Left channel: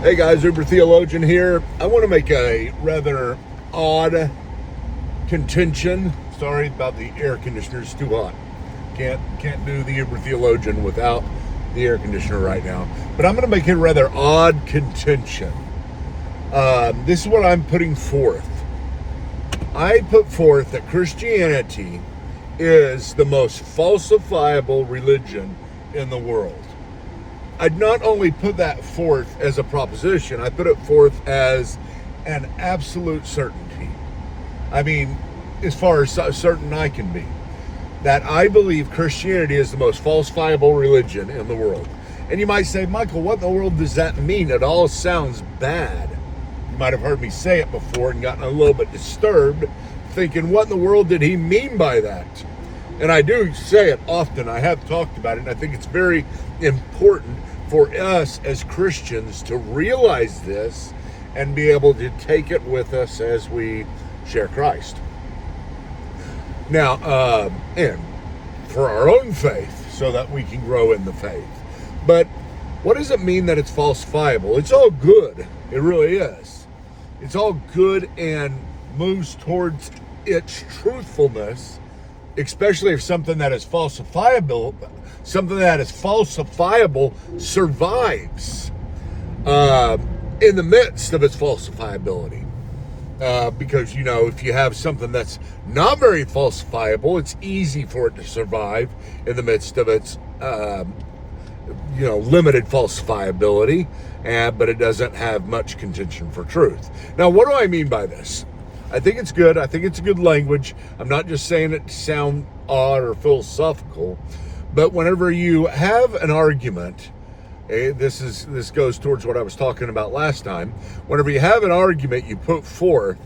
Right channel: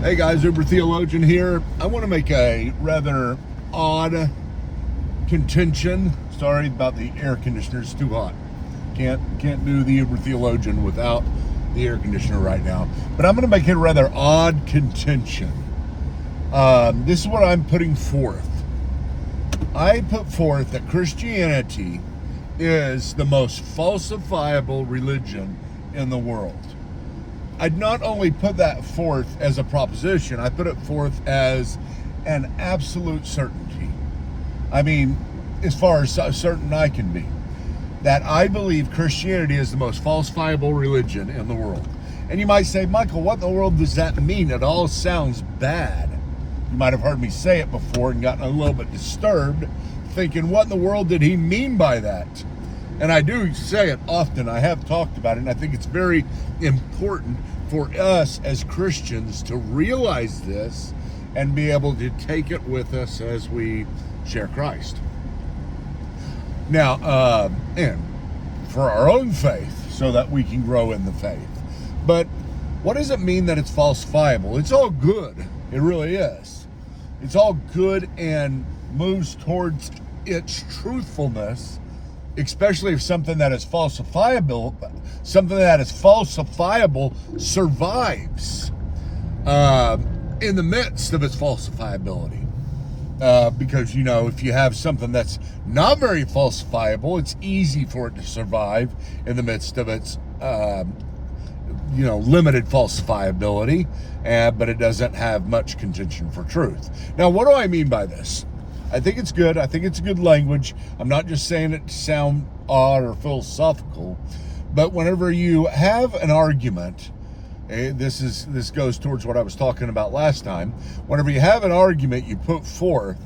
Hey guys, Uber Theologian here. I want to make a rather odd contention. Sorry about the air conditioner, it's too hot. Can't do the Uber Theologian without the air conditioner right now. But I'm going to make a rather odd contention. This is what I'm putting forth. I put forth that Christianity is the most falsifiable religion in the world. I'd not only put that forth as a proposition, I put it forth as an absolute certainty. I mean, as far as certain I can be, that I believe Christianity is the most falsifiable religion in the world. And you might say, Michael, what in the world does that mean? It all sounds bad. You might have heard me say it before and gotten a little bit disturbed, thinking, what in the world did he mean by that? And I do say it often. I have talked about it, and I think it's very important for us as Christians to realize this and be able to take it with us as we share Christ. Now, and for our own faith, so that we can grow in the faith. But what does it mean that it's falsifiable? It's all good. It really is. It's all good and moves towards its truthfulness, especially if something that is falsifiable survives in the midst of its falsifiability. Because, if you have something that's not very falsifiable, it's easy for it to survive in the midst of its, limited falsifiability, but it doesn't have much contention for truth. Now, what do I mean by this? I think it's good. I think it's a good language. I'm not just saying it to sound odd or philosophical, but whenever you have an argument, this goes towards what I was talking about last time. Whenever you have an argument you put forth,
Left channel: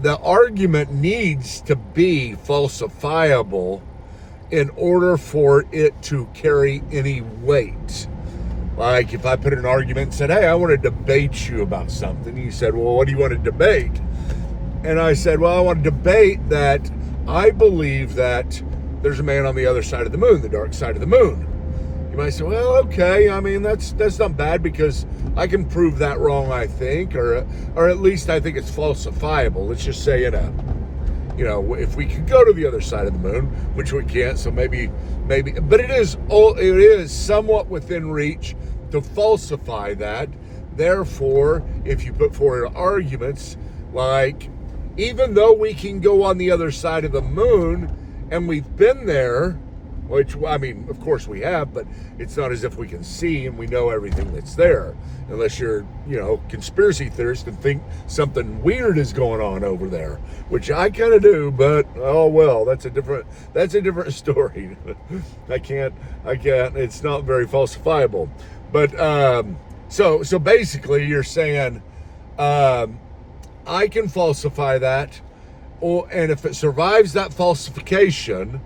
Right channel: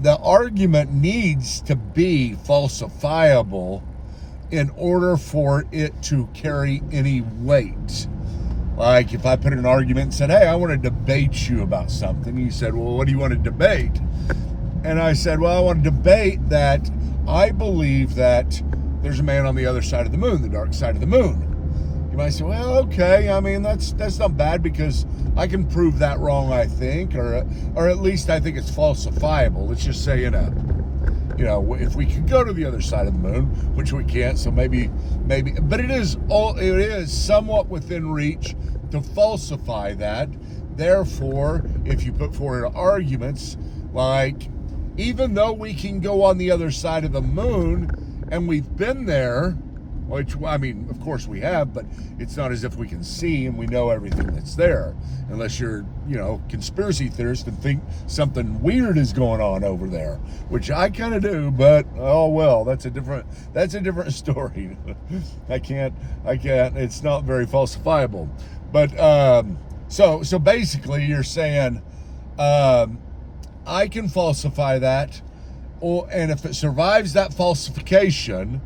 the argument needs to be falsifiable in order for it to carry any weight. Like if I put an argument and said, hey, I want to debate you about something. You said, well, what do you want to debate? And I said, well, I want to debate that I believe that there's a man on the other side of the moon, the dark side of the moon. You might say, well, okay, I mean, that's not bad because I can prove that wrong, I think, or at least I think it's falsifiable. Let's just say if we could go to the other side of the moon, which we can't, so maybe, but it is somewhat within reach to falsify that. Therefore, if you put forward arguments like, even though we can go on the other side of the moon and we've been there, which, I mean, of course we have, but it's not as if we can see and we know everything that's there, unless you're, conspiracy theorist and think something weird is going on over there, which I kind of do, but oh well, that's a different story. I can't, it's not very falsifiable. But so basically you're saying I can falsify that, and if it survives that falsification,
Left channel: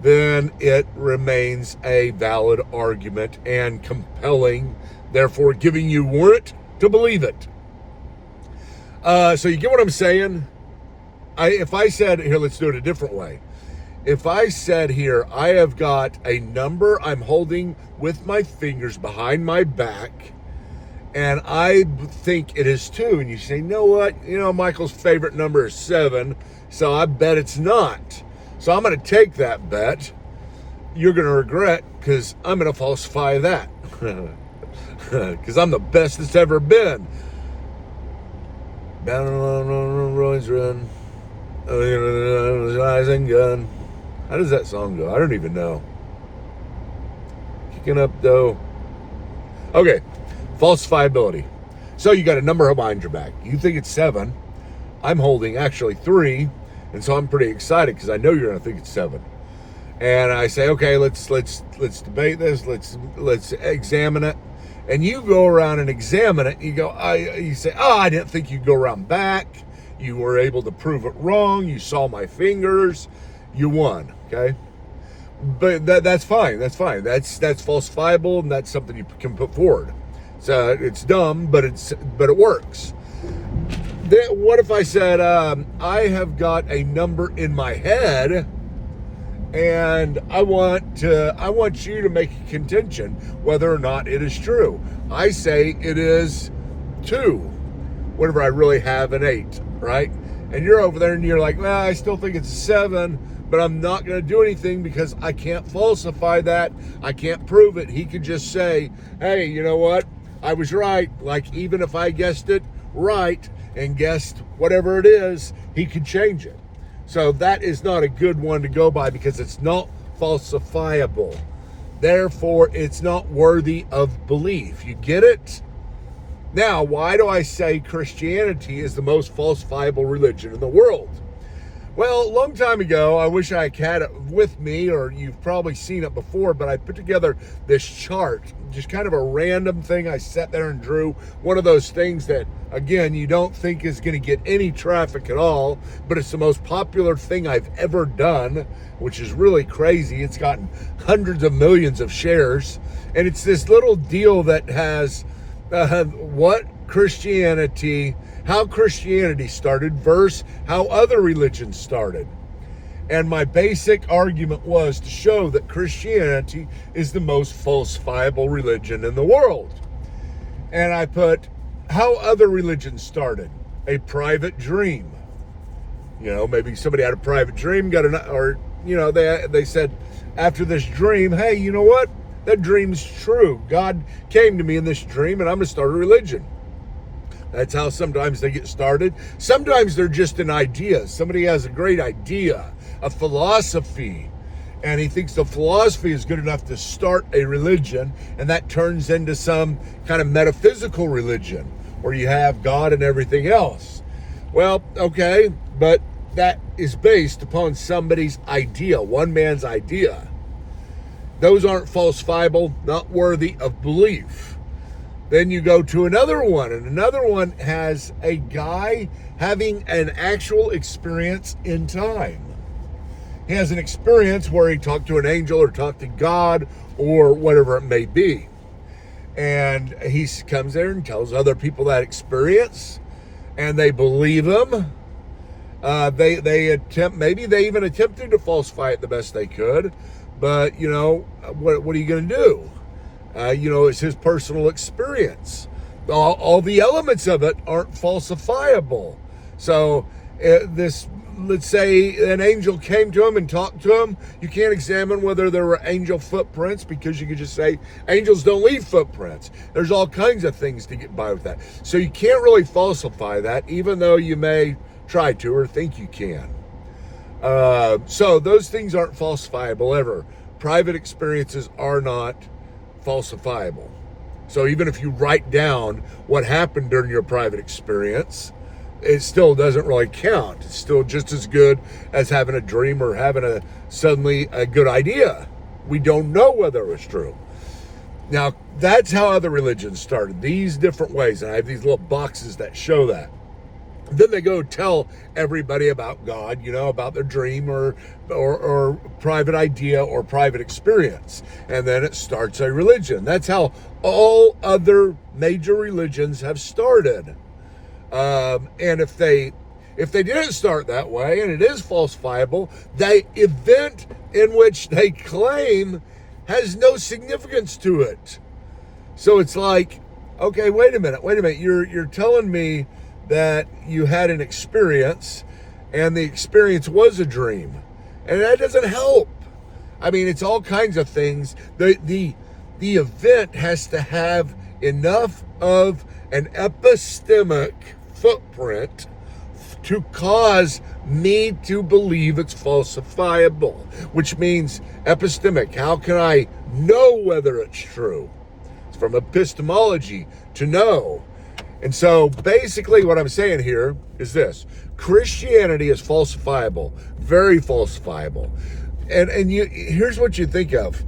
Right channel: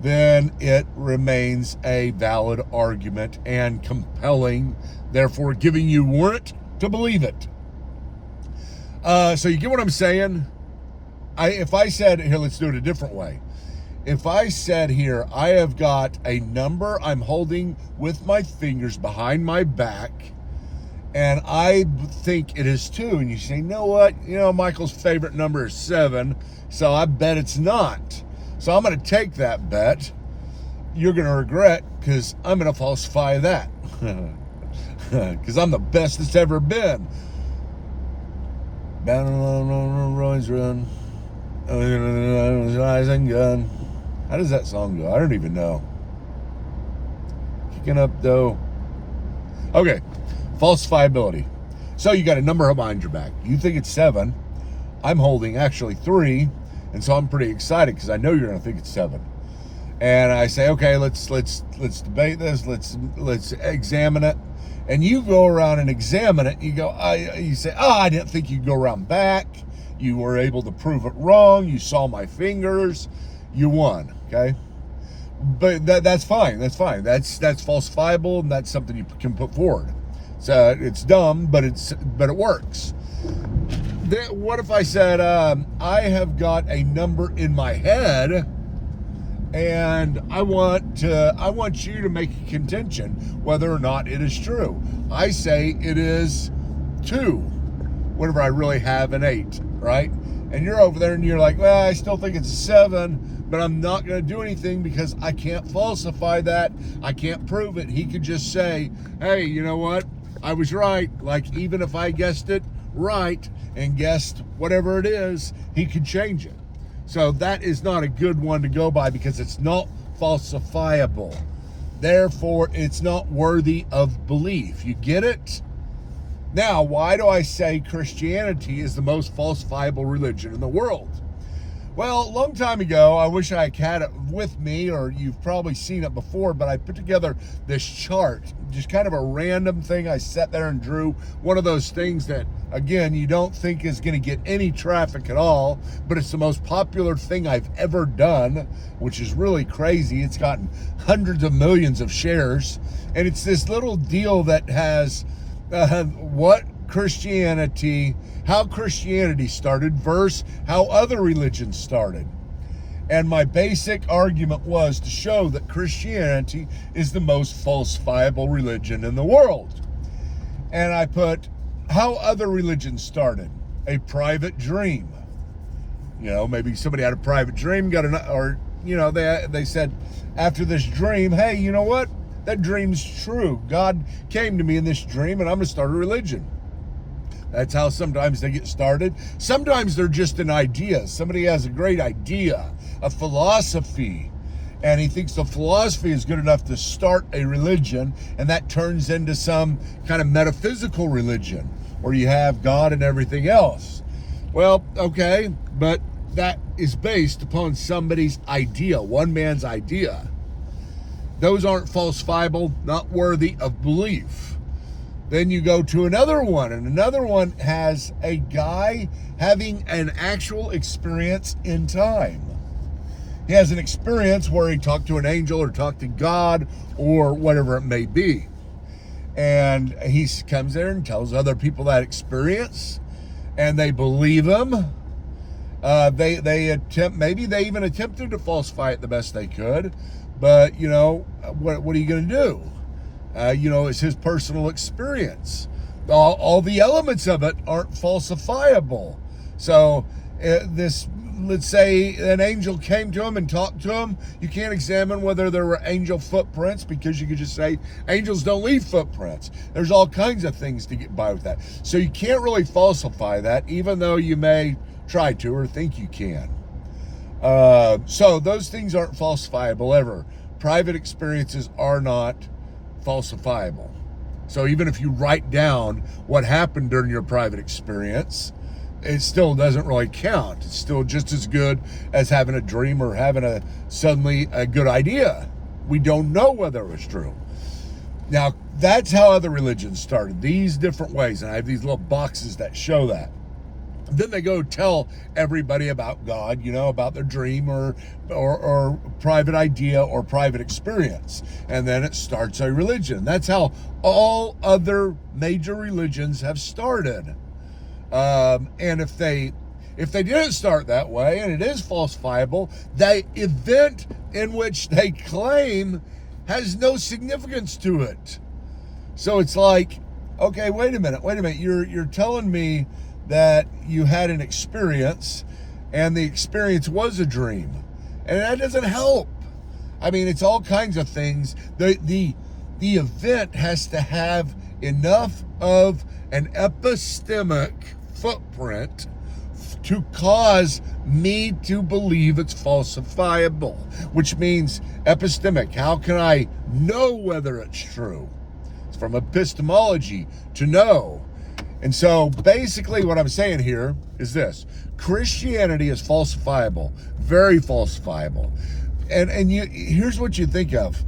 then it remains a valid argument and compelling, therefore giving you warrant to believe it. So you get what I'm saying? If I said, here, let's do it a different way. If I said here, I have got a number I'm holding with my fingers behind my back, and I think it is 2, and you say, you know what? Michael's favorite number is 7, so I bet it's not. So I'm going to take that bet. You're going to regret, because I'm going to falsify that. Because I'm the best it's ever been. Down on Roy's Run. Rising gun. How does that song go? I don't even know. Kicking up though. Okay. Falsifiability. So you got a number behind your back. You think it's 7. I'm holding actually 3. And so I'm pretty excited because I know you're going to think it's 7. And I say, okay, let's debate this. Let's examine it. And you go around and examine it. You say, I didn't think you'd go around back. You were able to prove it wrong. You saw my fingers. You won. Okay. But that's fine. That's fine. That's falsifiable, and that's something you can put forward. So it's dumb, but it works. What if I said, I have got a number in my head and I want you to make a contention whether or not it is true. I say it is 2 whenever I really have an 8, right? And you're over there and you're like, well, I still think it's a 7, but I'm not going to do anything because I can't falsify that. I can't prove it. He could just say, hey, you know what? I was right. Like, even if I guessed it right and guessed whatever it is, he could change it. So that is not a good one to go by because it's not falsifiable. Therefore, it's not worthy of belief. You get it? Now, why do I say Christianity is the most falsifiable religion in the world? Well, a long time ago, I wish I had it with me, or you've probably seen it before, but I put together this chart, just kind of a random thing. I sat there and drew one of those things that, again, you don't think is going to get any traffic at all, but it's the most popular thing I've ever done, which is really crazy. It's gotten hundreds of millions of shares, and it's this little deal that has how Christianity started versus how other religions started. And my basic argument was to show that Christianity is the most falsifiable religion in the world. And I put how other religions started. A private dream. You know, maybe somebody had a private dream, they said after this dream, hey, you know what? That dream's true. God came to me in this dream and I'm going to start a religion. That's how sometimes they get started. Sometimes they're just an idea. Somebody has a great idea, a philosophy, and he thinks the philosophy is good enough to start a religion, and that turns into some kind of metaphysical religion where you have God and everything else. Well, okay, but that is based upon somebody's idea, one man's idea. Those aren't falsifiable, not worthy of belief. Then you go to another one, and another one has a guy having an actual experience in time. He has an experience where he talked to an angel or talked to God or whatever it may be. And he comes there and tells other people that experience, and they believe him. Maybe they even attempted to falsify it the best they could, but you know, what are you going to do? It's his personal experience. All the elements of it aren't falsifiable. So let's say an angel came to him and talked to him. You can't examine whether there were angel footprints because you could just say angels don't leave footprints. There's all kinds of things to get by with that. So you can't really falsify that, even though you may try to or think you can. So those things aren't falsifiable ever. Private experiences are not falsifiable. So even if you write down what happened during your private experience, it still doesn't really count. It's still just as good as having a dream or having suddenly a good idea. We don't know whether it was true. Now, that's how other religions started, these different ways. And I have these little boxes that show that. Then they go tell everybody about God, about their dream or private idea or private experience. And then it starts a religion. That's how all other major religions have started. And if they didn't start that way, and it is falsifiable, the event in which they claim has no significance to it. So it's like, okay, wait a minute. You're telling me that you had an experience and the experience was a dream, and that doesn't help. I mean, it's all kinds of things. The event has to have enough of an epistemic footprint to cause me to believe it's falsifiable, which means epistemic. How can I know whether it's true? It's from epistemology, to know. And so basically what I'm saying here is this: Christianity is falsifiable, very falsifiable. And here's what you think of.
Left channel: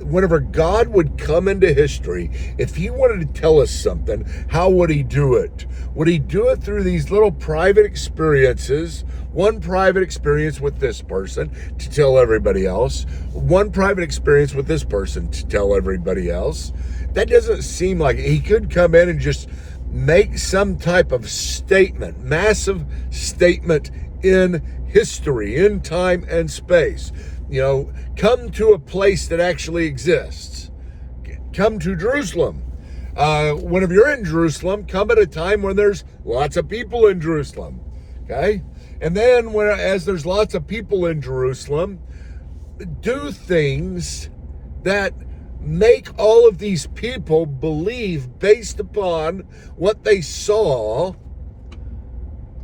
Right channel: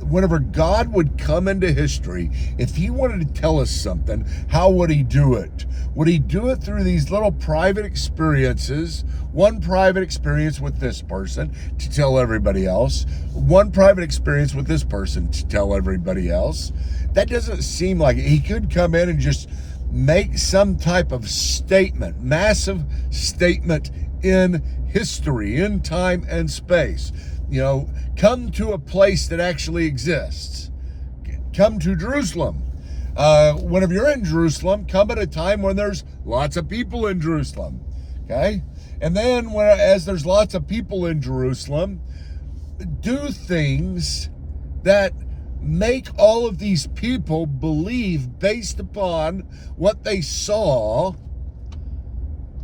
Whenever God would come into history, if he wanted to tell us something, how would he do it? Would he do it through these little private experiences? One private experience with this person to tell everybody else. One private experience with this person to tell everybody else. That doesn't seem like it. He could come in and just make some type of statement, massive statement in history, in time and space. Come to a place that actually exists. Come to Jerusalem. Whenever you're in Jerusalem, come at a time when there's lots of people in Jerusalem. Okay? And then as there's lots of people in Jerusalem, do things that make all of these people believe based upon what they saw.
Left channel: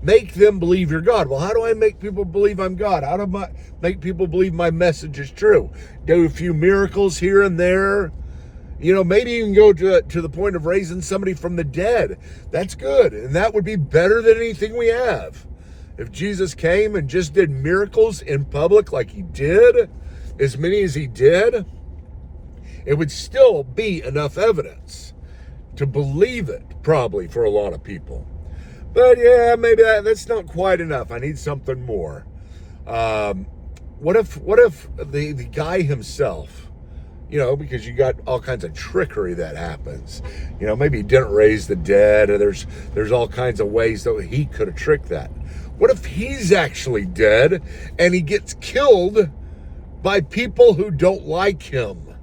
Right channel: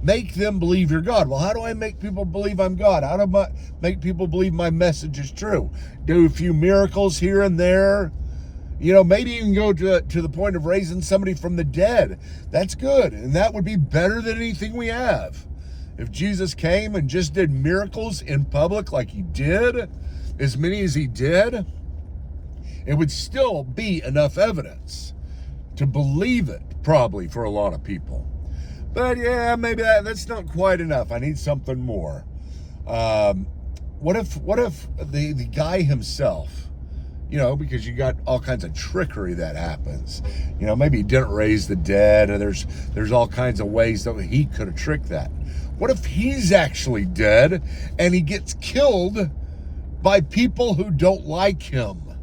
Make them believe you're God. Well, how do I make people believe I'm God? How do I make people believe my message is true? Do a few miracles here and there. Maybe even go to the point of raising somebody from the dead. That's good. And that would be better than anything we have. If Jesus came and just did miracles in public like he did, as many as he did, it would still be enough evidence to believe it, probably, for a lot of people. But yeah, maybe that's not quite enough. I need something more. What if the guy himself, because you got all kinds of trickery that happens. Maybe he didn't raise the dead, or there's all kinds of ways that he could have tricked that. What if he's actually dead and he gets killed by people who don't like him?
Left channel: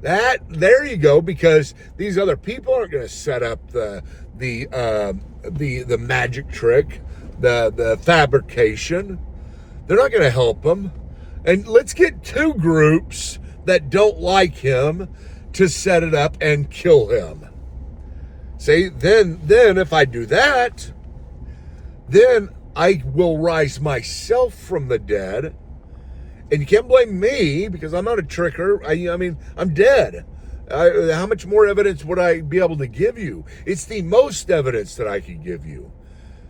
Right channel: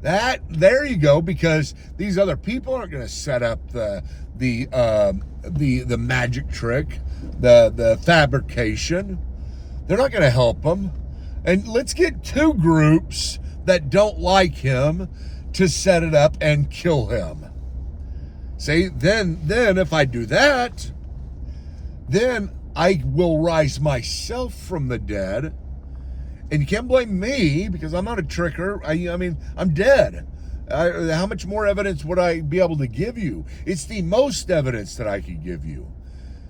There you go, because these other people aren't going to set up the magic trick, the fabrication. They're not going to help him. And let's get two groups that don't like him to set it up and kill him. See, then if I do that, then I will rise myself from the dead. And you can't blame me, because I'm not a tricker. I'm dead. How much more evidence would I be able to give you? It's the most evidence that I could give you.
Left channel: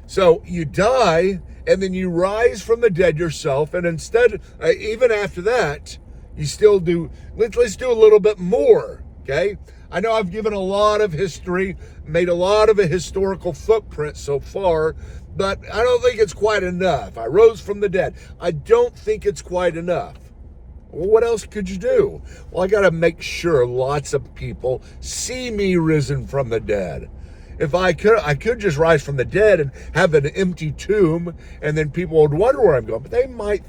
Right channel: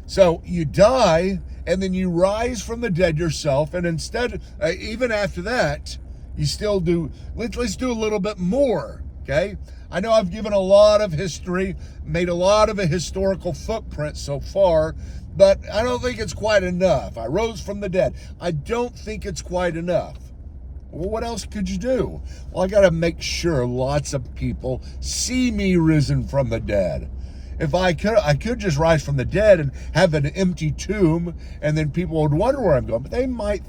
So you die, and then you rise from the dead yourself, and instead, even after that, you still do, let's do a little bit more, okay? I know I've given a lot of history, made a lot of a historical footprint so far, but I don't think it's quite enough. I rose from the dead. I don't think it's quite enough. Well, what else could you do? Well, I got to make sure lots of people see me risen from the dead. If I could just rise from the dead and have an empty tomb, and then people would wonder where I'm going. But they might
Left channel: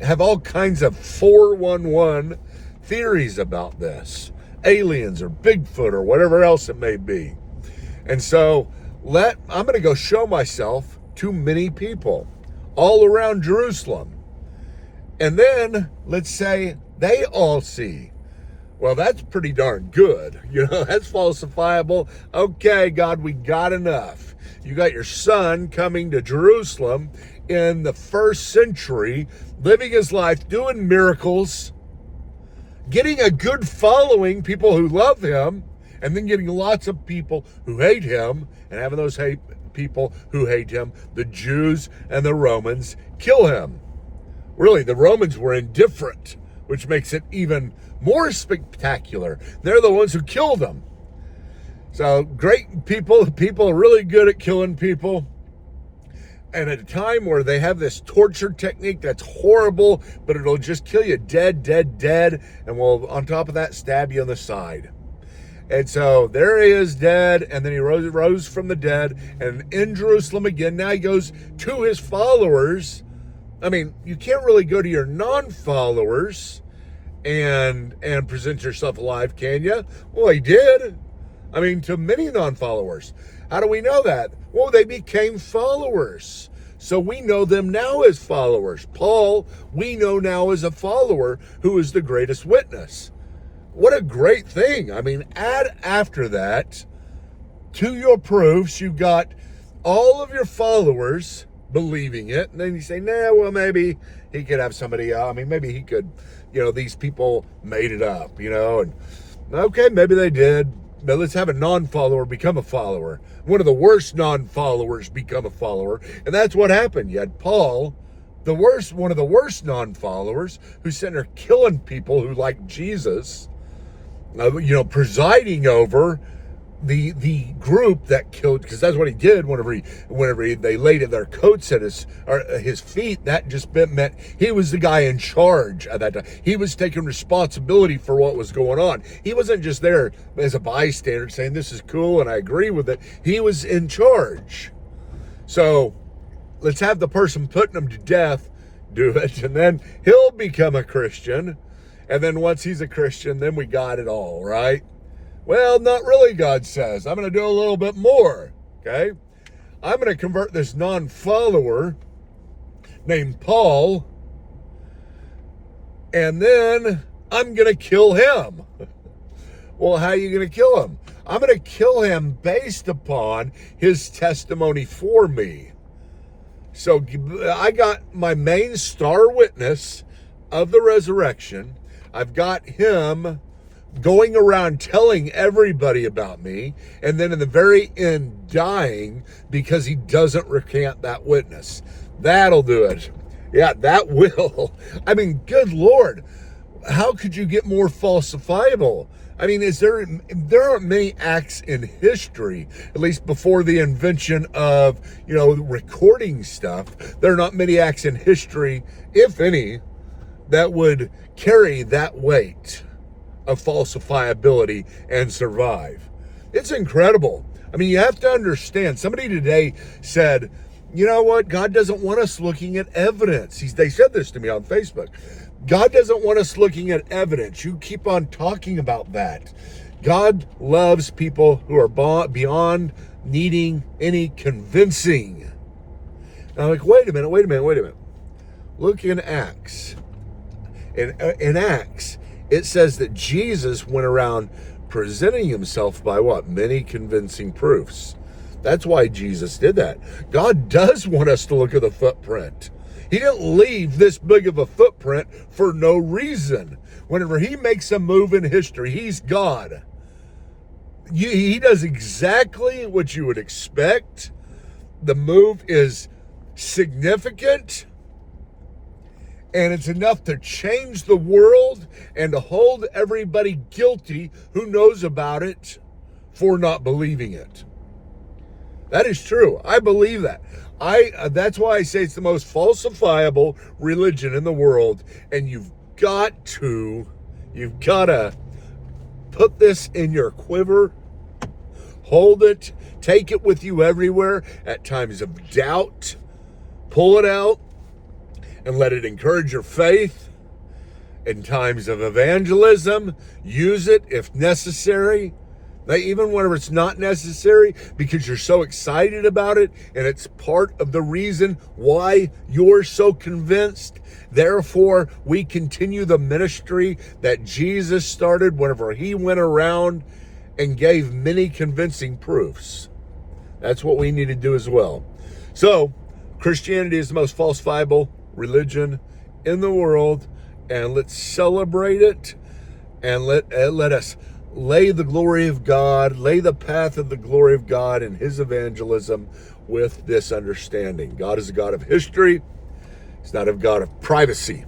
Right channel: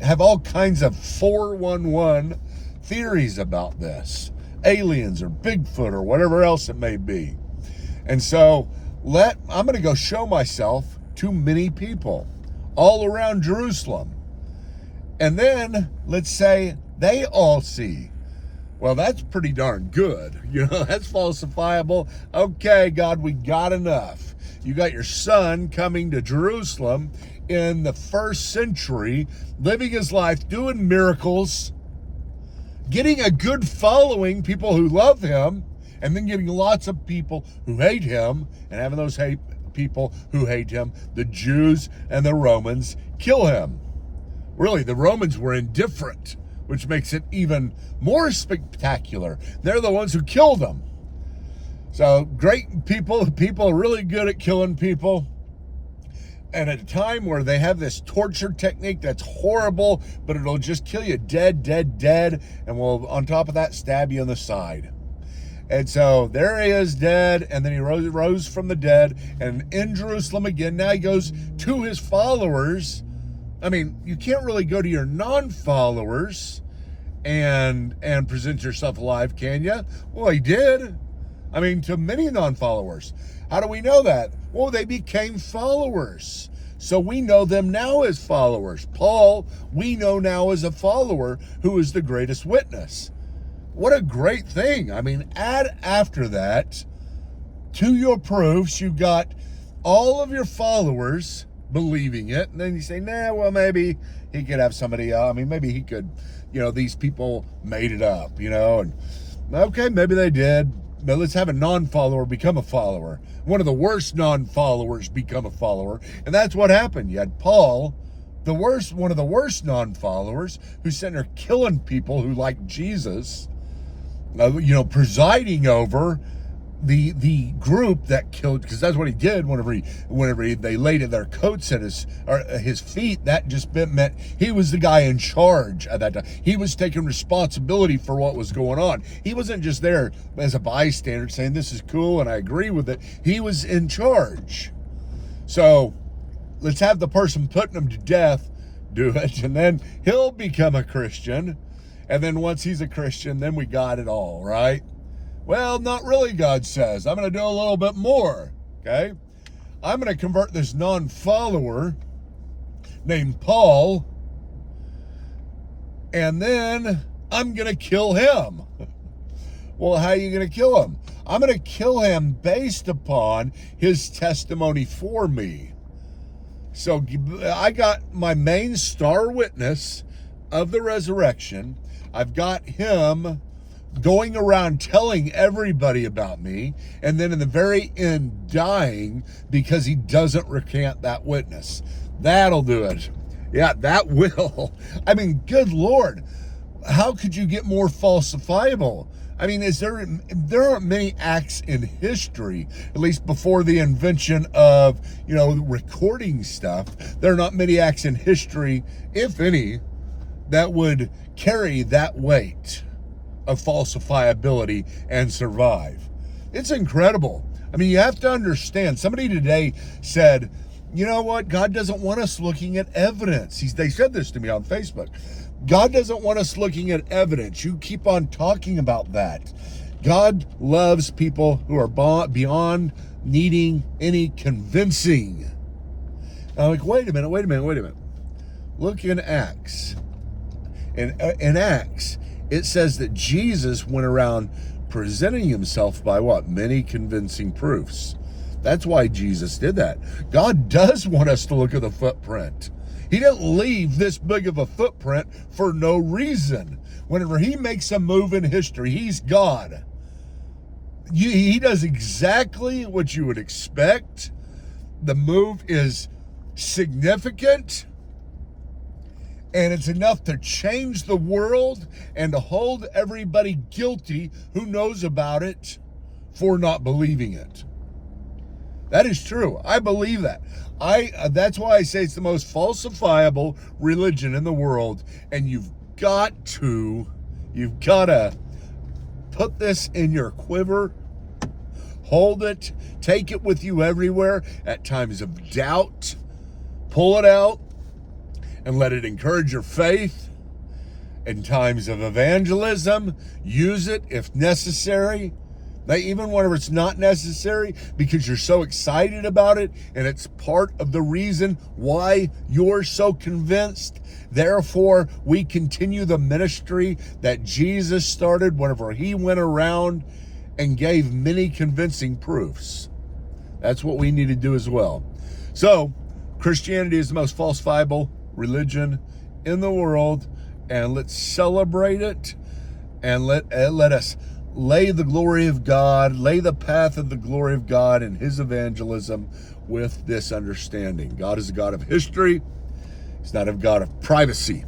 have all kinds of 411 theories about this. Aliens or Bigfoot or whatever else it may be. And so I'm going to go show myself to many people all around Jerusalem. And then let's say they all see. Well, that's pretty darn good. That's falsifiable. Okay, God, we got enough. You got your son coming to Jerusalem in the 1st century, living his life, doing miracles, getting a good following, people who love him, and then getting lots of people who hate him, and having those people who hate him, the Jews and the Romans, kill him. Really, the Romans were indifferent, which makes it even more spectacular. They're the ones who killed him. So great people are really good at killing people. And at a time where they have this torture technique that's horrible, but it'll just kill you dead, and will, on top of that, stab you on the side. And so there he is, dead, and then he rose from the dead, and in Jerusalem again. Now he goes to his followers. You can't really go to your non-followers and present yourself alive, can you? Well, he did. To many non-followers. How do we know that? Well, they became followers. So we know them now as followers. Paul, we know now as a follower who is the greatest witness. What a great thing. Add after that to your proofs, you got all of your followers believing it. And then you say, nah, well, maybe he could have somebody else. Maybe he could, these people made it up, and okay, maybe they did. But let's have a non-follower become a follower. One of the worst non-followers become a follower. And that's what happened. You had Paul, one of the worst non-followers, who's sitting there killing people who like Jesus, presiding over the group that killed, because that's what he did whenever they laid their coats at his feet. That just meant he was the guy in charge at that time. He was taking responsibility for what was going on. He wasn't just there as a bystander saying this is cool and I agree with it. He was in charge. So let's have the person putting him to death do it, and then he'll become a Christian. And then once he's a Christian, then we got it all, right? Well, not really, God says. I'm going to do a little bit more, okay? I'm going to convert this non-follower named Paul, and then I'm going to kill him. Well, how are you going to kill him? I'm going to kill him based upon his testimony for me. So I got my main star witness of the resurrection. I've got him going around telling everybody about me, and then in the very end dying because he doesn't recant that witness. That'll do it. Yeah, that will. I mean, good Lord, how could you get more falsifiable? I mean, there aren't many acts in history, at least before the invention of, recording stuff. There are not many acts in history, if any, that would carry that weight of falsifiability and survive. It's incredible. I mean, you have to understand, somebody today said, you know what? God doesn't want us looking at evidence. They said this to me on Facebook. God doesn't want us looking at evidence. You keep on talking about that. God loves people who are beyond needing any convincing. And I'm like, wait a minute. Look in Acts. In Acts, it says that Jesus went around presenting himself by what? Many convincing proofs. That's why Jesus did that. God does want us to look at the footprint. He didn't leave this big of a footprint for no reason. Whenever he makes a move in history, he's God. He does exactly what you would expect. The move is significant, and it's enough to change the world and to hold everybody guilty who knows about it for not believing it. That is true. I believe that. That's why I say it's the most falsifiable religion in the world, and you've got to put this in your quiver, hold it, take it with you everywhere. At times of doubt, pull it out and let it encourage your faith. In times of evangelism, use it if necessary. Even whenever it's not necessary, because you're so excited about it, and it's part of the reason why you're so convinced. Therefore, we continue the ministry that Jesus started whenever he went around and gave many convincing proofs. That's what we need to do as well. So, Christianity is the most falsifiable religion in the world, and let's celebrate it, and let us lay the glory of God, lay the path of the glory of God in his evangelism with this understanding. God is a God of history. He's not a God of privacy.